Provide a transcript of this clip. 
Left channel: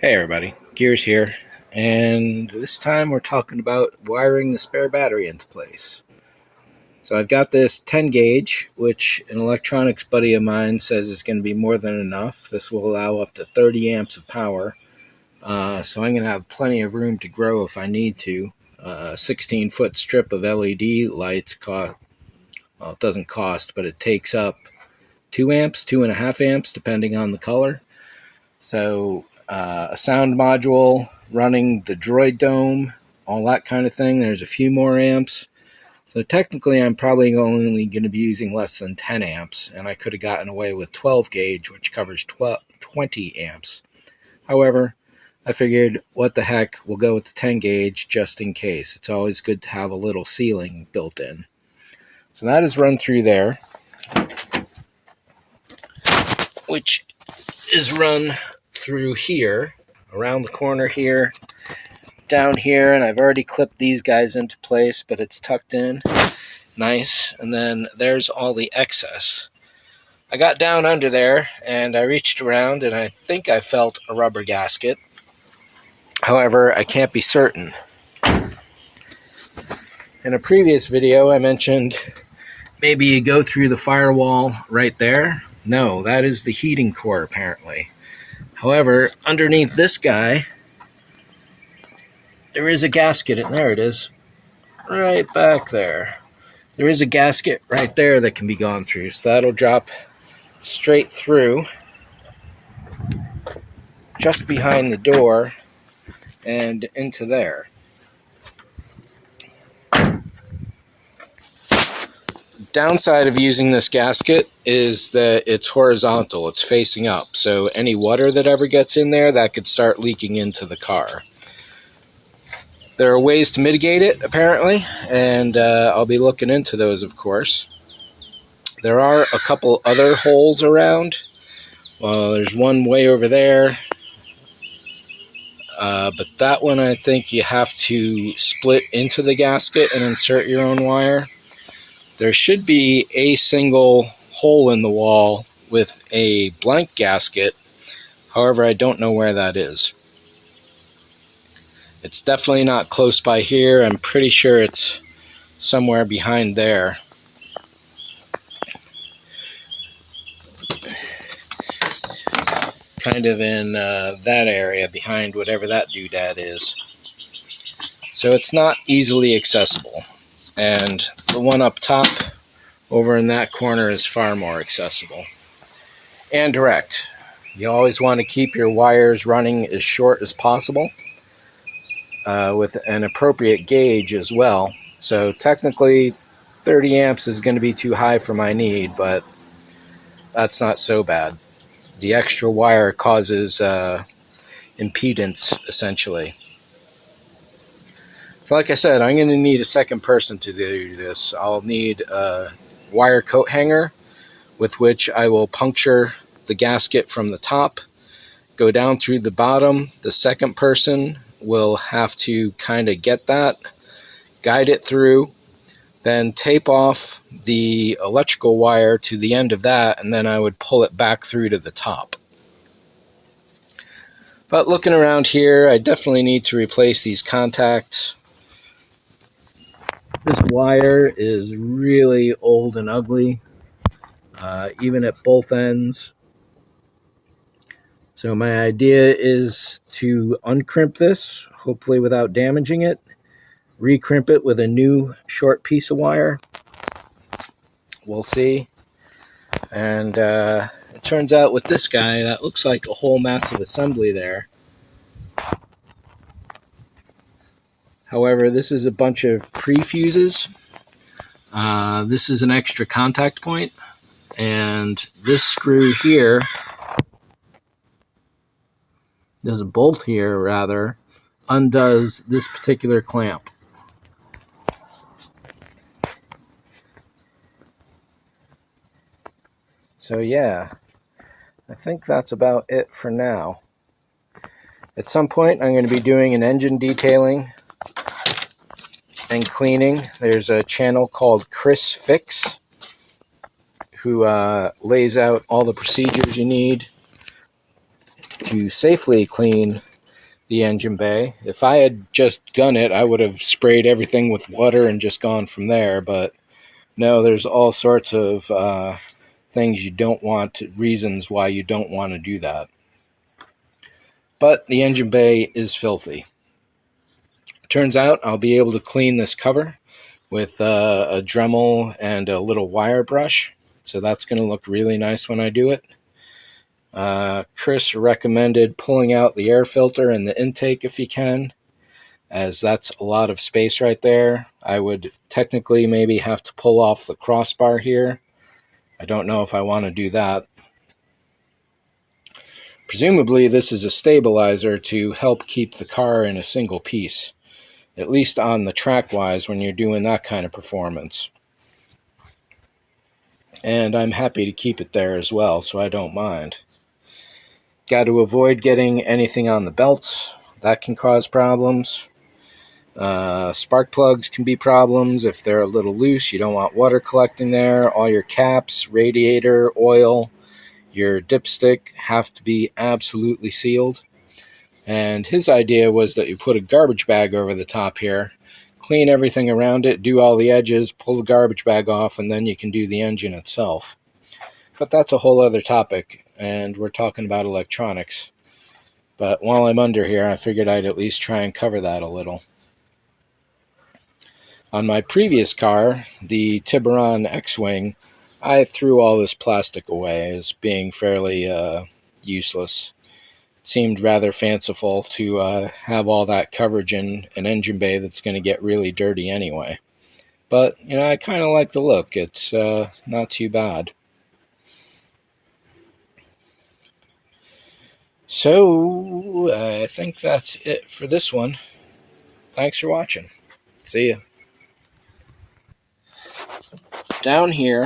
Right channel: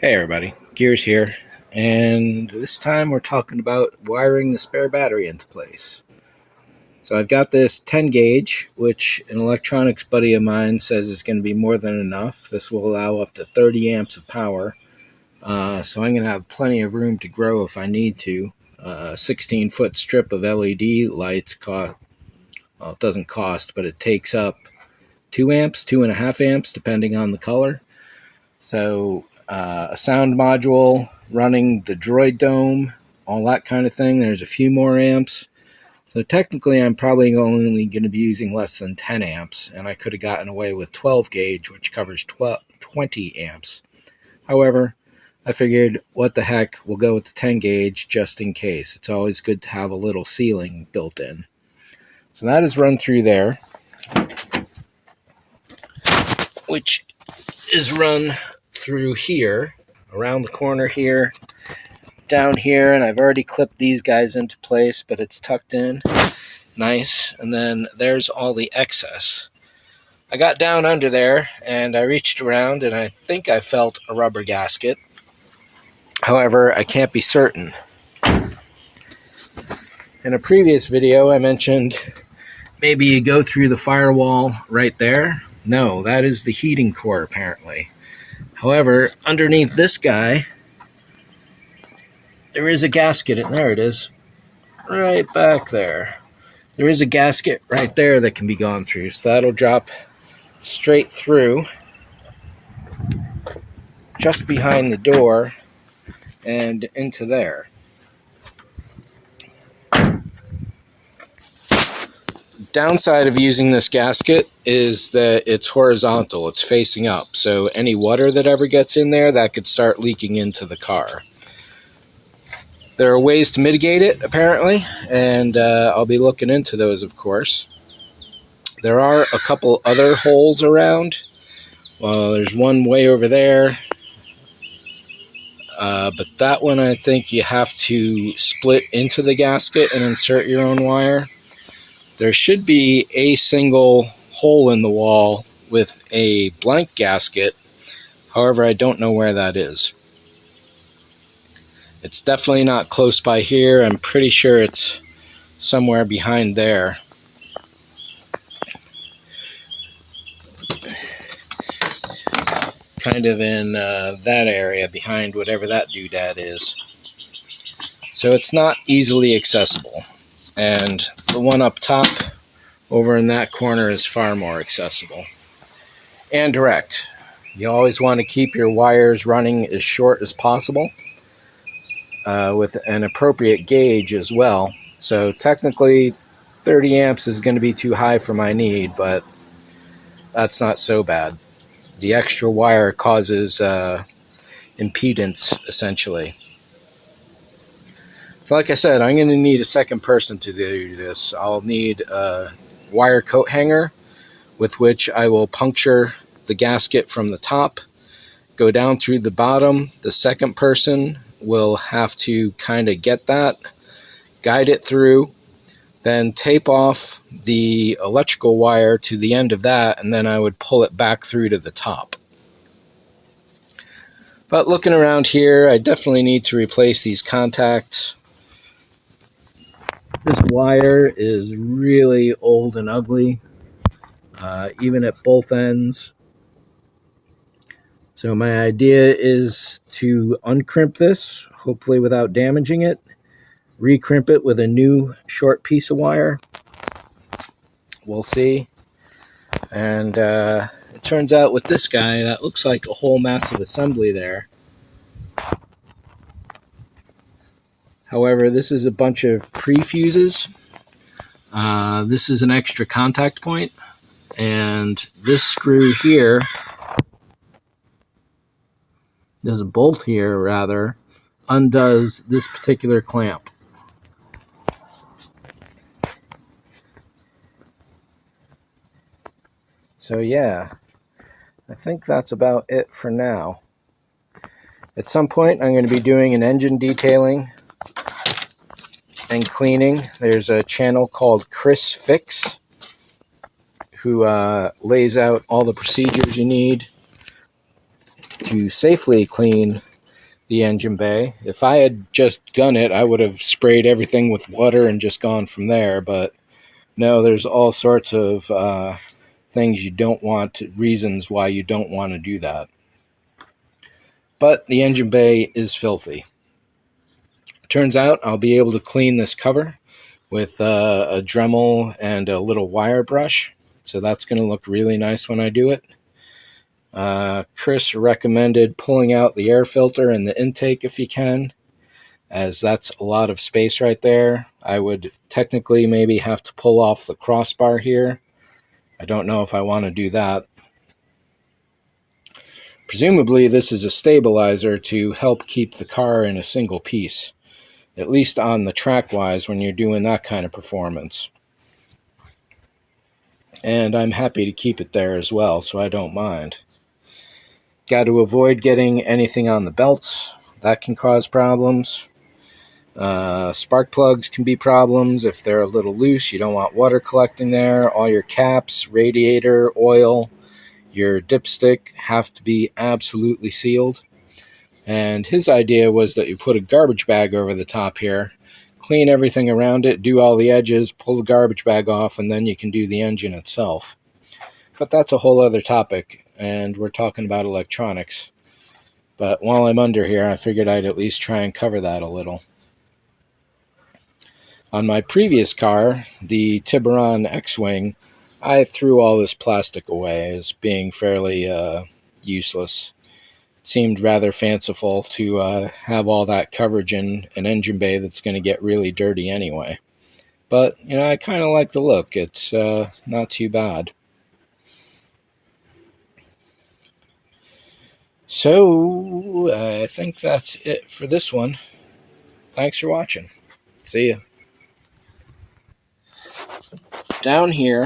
Hey everybody, Gears here, and this time we're talking about wiring the spare battery into place. So I've got this 10 gauge, which an electronics buddy of mine says is going to be more than enough. This will allow up to 30 amps of power, so I'm going to have plenty of room to grow if I need to. A 16-foot strip of LED lights it doesn't cost, but it takes up 2 amps, 2.5 amps, depending on the color. So a sound module running the Droid Dome, all that kind of thing. There's a few more amps. So technically I'm probably only going to be using less than 10 amps, and I could have gotten away with 12 gauge, which covers 20 amps. However, I figured, what the heck, we'll go with the 10 gauge just in case. It's always good to have a little ceiling built in. So that is run through there, which is run through here, around the corner here, down here, and I've already clipped these guys into place, but it's tucked in nice. And then there's all the excess. I got down under there and I reached around and I think I felt a rubber gasket. However, I can't be certain. In a previous video I mentioned maybe you go through the firewall right there. No, that is the heating core apparently. However, underneath this guy, there is a gasket, and there it is, right back there. There is a gasket right there that can be gone through, so that'll drop straight through, just behind the door, and into there. Downside of using this gasket is that it's horizontal, it's facing up, so any water that ever gets in there, that could start leaking into the car. There are ways to mitigate it, apparently, and I'll be looking into those, of course. There are a couple other holes around. Well, there's one way over there, but that one I think you have to split into the gasket and insert your own wire. There should be a single hole in the wall with a blank gasket. However, I don't know where that is. It's definitely not close by here. I'm pretty sure it's somewhere behind there. Kind of in that area behind whatever that doodad is. So it's not easily accessible. And the one up top over in that corner is far more accessible and direct. You always want to keep your wires running as short as possible with an appropriate gauge as well. So technically 30 amps is going to be too high for my need, but that's not so bad. The extra wire causes impedance essentially. So like I said, I'm going to need a second person to do this. I'll need a wire coat hanger with which I will puncture the gasket from the top, go down through the bottom. The second person will have to kind of get that, guide it through, then tape off the electrical wire to the end of that, and then I would pull it back through to the top. But looking around here, I definitely need to replace these contacts. This wire is really old and ugly, even at both ends. So my idea is to uncrimp this, hopefully without damaging it, recrimp it with a new short piece of wire. We'll see. And it turns out with this guy, that looks like a whole massive assembly there. However, this is a bunch of pre-fuses. This is an extra contact point, and this screw here, there's a bolt here rather, undoes this particular clamp. So yeah, I think that's about it for now. At some point I'm going to be doing an engine detailing and cleaning. There's a channel called Chris Fix who lays out all the procedures you need to safely clean the engine bay. If I had just done it, I would have sprayed everything with water and just gone from there, but no, there's all sorts of things you don't want, reasons why you don't want to do that. But the engine bay is filthy. Turns out I'll be able to clean this cover with a Dremel and a little wire brush, so that's going to look really nice when I do it. Chris recommended pulling out the air filter and the intake if you can, as that's a lot of space right there. I would technically maybe have to pull off the crossbar here. I don't know if I want to do that. Presumably this is a stabilizer to help keep the car in a single piece, at least on the track-wise when you're doing that kind of performance. And I'm happy to keep it there as well, so I don't mind. Got to avoid getting anything on the belts. That can cause problems. Spark plugs can be problems if they're a little loose. You don't want water collecting there. All your caps, radiator, oil, your dipstick have to be absolutely sealed. And his idea was that you put a garbage bag over the top here, clean everything around it, do all the edges, pull the garbage bag off, and then you can do the engine itself. But that's a whole other topic, and we're talking about electronics. But while I'm under here, I figured I'd at least try and cover that a little. On my previous car, the Tiburon X-Wing, I threw all this plastic away as being fairly useless. It seemed rather fanciful to have all that coverage in an engine bay that's going to get really dirty anyway. But, you know, I kind of like the look. It's not too bad. So, I think that's it for this one. Thanks for watching. See ya. Down here,